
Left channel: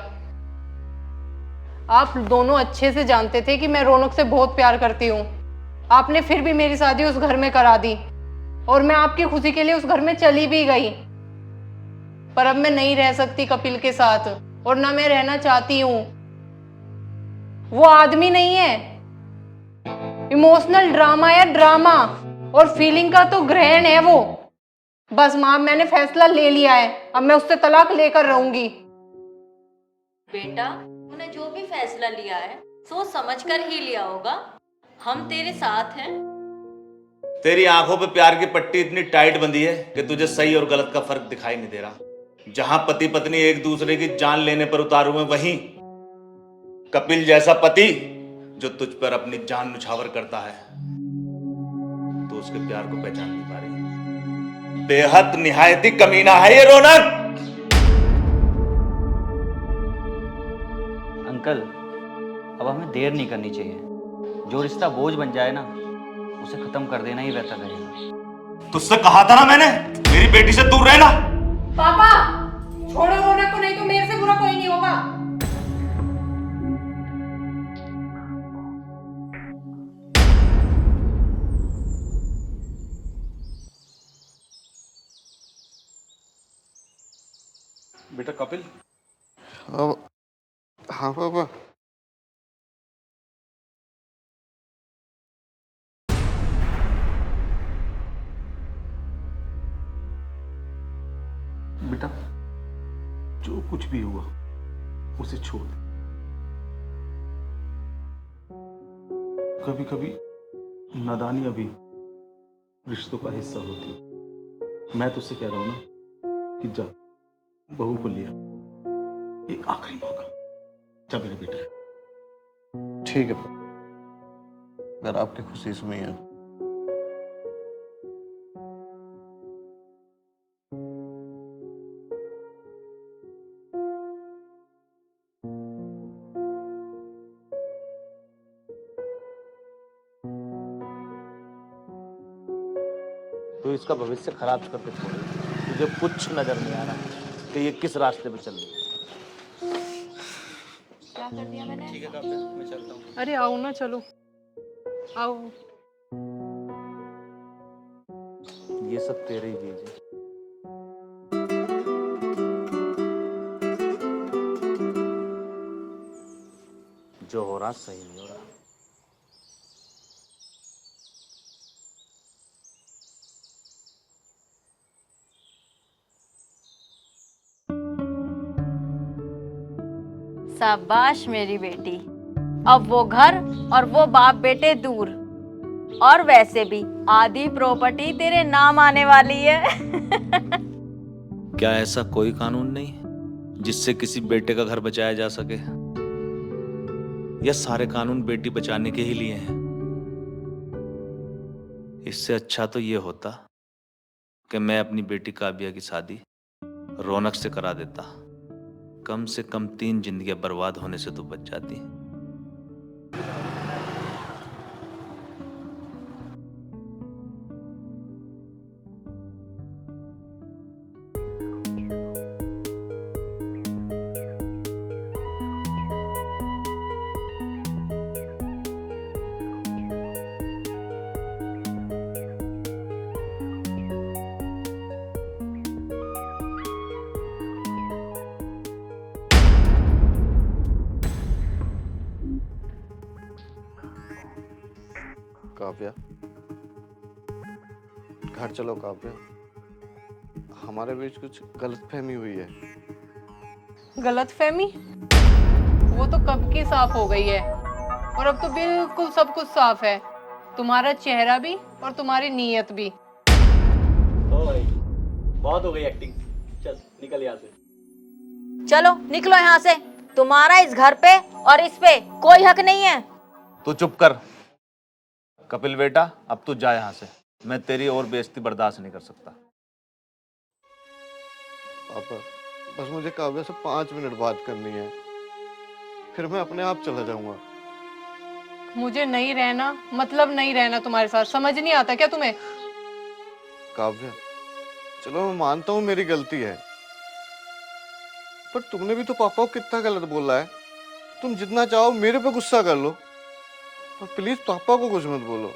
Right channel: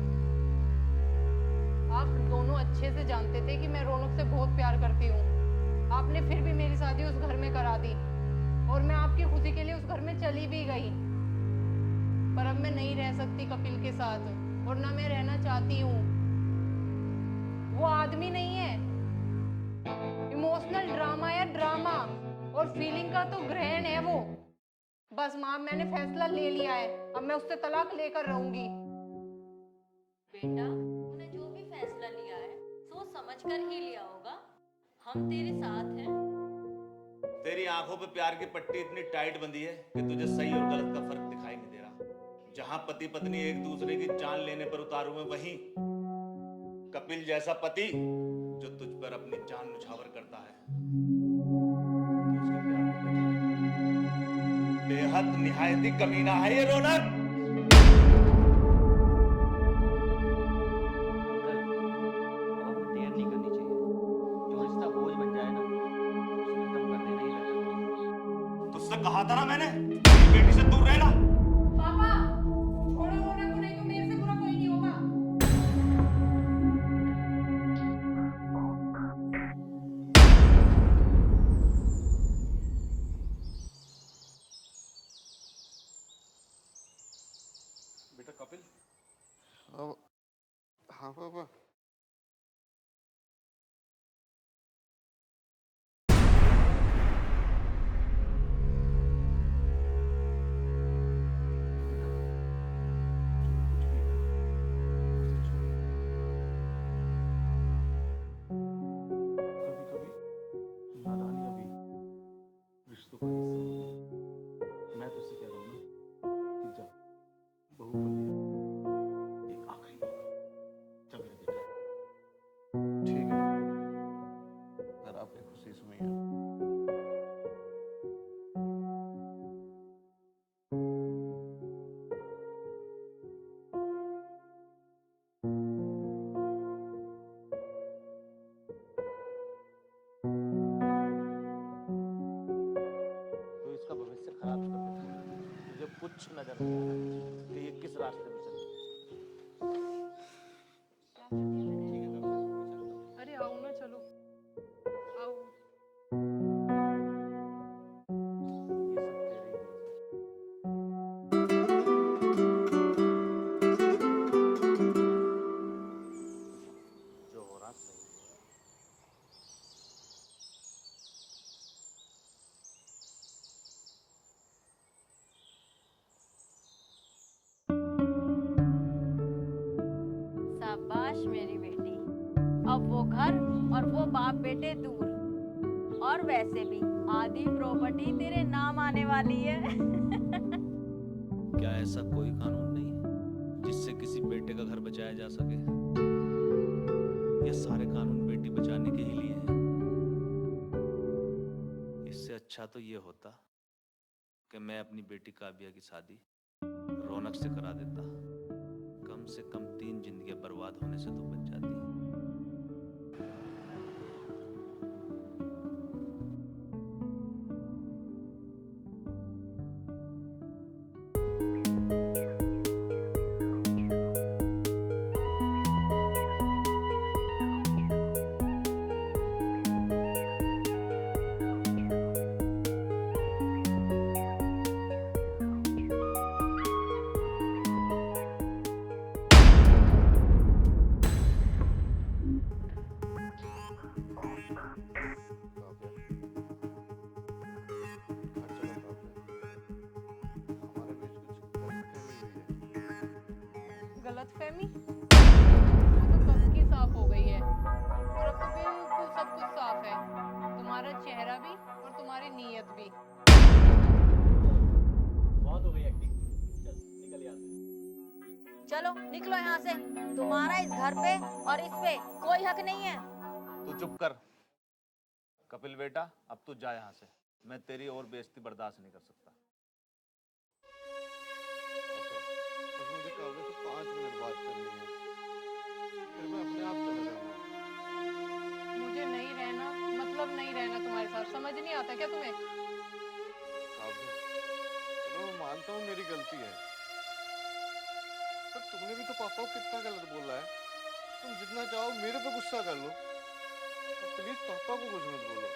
आप दोनों अच्छे से जानते थे कि मैं रौनक से बहुत प्यार करती हूँ। आपने फिर भी मेरी शादी उस घर में करा दी और मैं आपकी खुशी के लिए उस घर में चली भी गई। पर अब मैं नहीं रह सकती कपिल के साथ और ना मैं रहना चाहती हूँ। वो आदमी नहीं है, इमोशनल ड्रामा है, ड्रामा और फीलिंग का तो ग्रहण है वो। बस माँ, मैंने फैसला ले लिया है, अब मैं उससे तलाक लेकर रहूंगी। बेटा, तूने जो भी फैसला लिया है सोच समझ कर ही लिया होगा। हम तेरे साथ हैं। तेरी आंखों पे प्यार की पट्टी इतनी टाइट बंधी है कि तुझे सही और गलत का फर्क दिखाई नहीं दे रहा। जहां पति पत्नी एक दूसरे की जान लेने पर उतारू हैं, वहीं कपिल जैसा पति जो तुझ पर अपनी जान न्यौछावर करता है, तो उसके प्यार को पहचान नहीं पा रही। बेहद निहायती कमीना है ये रौनक। अंकल, अब हमें देर नहीं करनी चाहिए। जो रिश्ता बोझ बन जाए ना, उसे खत्म कर देना ही बेहतर रहेगा। तुझसे कहा था ना मैंने, मेरी बेटी से दूर रहना। पापा, छोड़ो रौनक को, नहीं तो मेरे से बुरा कोई नहीं होगा। बेटा कपिल, हाँ पापा। बेटा जो कुछ भी हुआ उसे छोड़। कभी कभी नादानियां भी रिश्तों का हिस्सा होती है। मैं तुझसे कह रहा हूं ना कि जा, बहू को लिया, एक आखिरी मौका। जा मेरे बेटा। ठीक है पापा, अगर आपकी खुशी इसमें है। तो इसका भविष्य खराब करके छोड़े। तुझे कुछ नजर नहीं आ रहा कि ये किस रास्ते पे चल रही है। क्या कर दिया मैंने? ठीक है काव्या, मैं चलता हूँ। अरे आओ ना, चलो आओ। ये सब तेरे ही बीज है। जो हो रहा सही नहीं हो रहा। शाबाश मेरी बेटी। अब वो घर और वो बाप बेटे दूर, और वैसे भी आधी प्रॉपर्टी तेरे नाम आने वाली है। क्या ऐसा कोई कानून नहीं जिससे किसी बेटे का घर बचाया जा सके? या सारे कानून बेटी बचाने के ही लिए हैं? इससे अच्छा तो ये होता कि मैं अपनी बेटी काव्या की शादी रौनक से करा देता। कम से कम 3 जिंदगियां बर्बाद होने से तो बच जाती। काव्या, घर चलो काव्या। हमारे बीच कुछ गलतफहमी हुई है। गलतफहमी? वो तो कब की साफ हो गई है, और अब तो बिल्कुल सब कुछ साफ है, तुम्हारा चेहरा भी और तुम्हारी नीयत भी। ओ भाई, बहुत हो गई एक्टिंग। चल निकल यहाँ से। चलो निकलो यहाँ से। तुम्हारा इस घर पे और इस पे कोई हक नहीं है। तू चुप कर कपिल बेटा, अब तू जा यहाँ से। मैं तेरी और बेइज्जती बर्दाश्त नहीं कर सकता। पापा, बस मुझे काव्या से 5 मिनट बात करनी है, फिर मैं अपने आप चला जाऊंगा। मुझे नहीं रहना, मतलब नहीं रहना तुम्हारे साथ। समझ नहीं आता क्या तुम्हें? काव्या, चलो मैं मानता हूँ मेरी गलती है, पर तुमने भी तो पापा को कितना गलत बोला है। तुम जितना चाहो मेरे पे गुस्सा कर लो, पर प्लीज पापा को कुछ मत बोलो।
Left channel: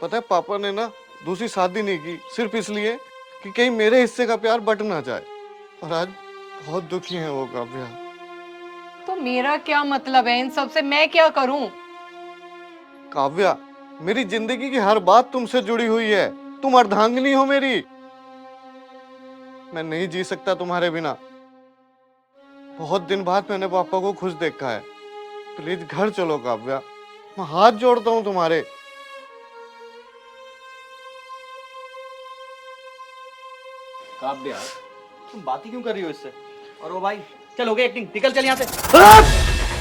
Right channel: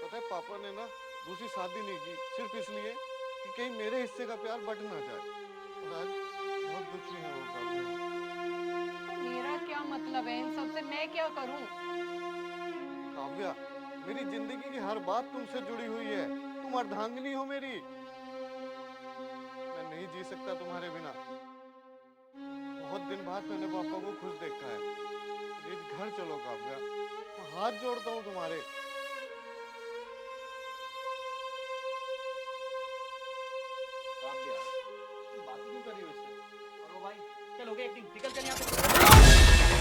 पता है पापा ने ना दूसरी शादी नहीं की सिर्फ इसलिए कि कहीं मेरे हिस्से का प्यार बट ना जाए, और आज बहुत दुखी है वो काव्या। तो मेरा क्या मतलब है इन सब से? मैं क्या करूं? काव्या, मेरी जिंदगी की हर बात तुमसे जुड़ी हुई है। तुम अर्धांगिनी हो मेरी। मैं नहीं जी सकता तुम्हारे बिना। बहुत दिन बाद मैंने पापा को खुश देखा है। प्लीज घर चलो काव्या, मैं हाथ जोड़ता हूँ तुम्हारे। काव्या, तुम बात ही क्यों कर रही हो इससे? और वो भाई, चल हो गई एक्टिंग, निकल चल यहाँ से।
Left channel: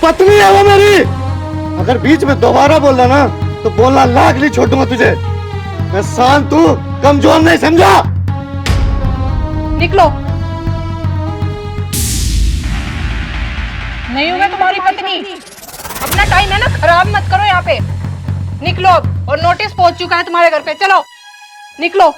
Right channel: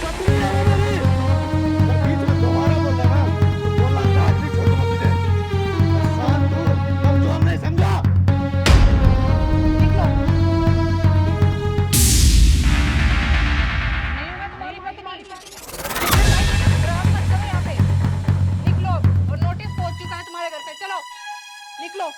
पत्नी है वो मेरी। अगर बीच में दोबारा बोलना ना तो बोलना लाख नहीं छोड़ूंगा तुझे। मैं शांत हूँ, कमजोर नहीं, समझा? निकलो। नहीं हूं मैं तुम्हारी पत्नी। अपना टाइम है ना खराब मत करो यहाँ पे। निकलो अब, और नोटिस पहुंच चुका है तुम्हारे घर पे। चलो निकलो।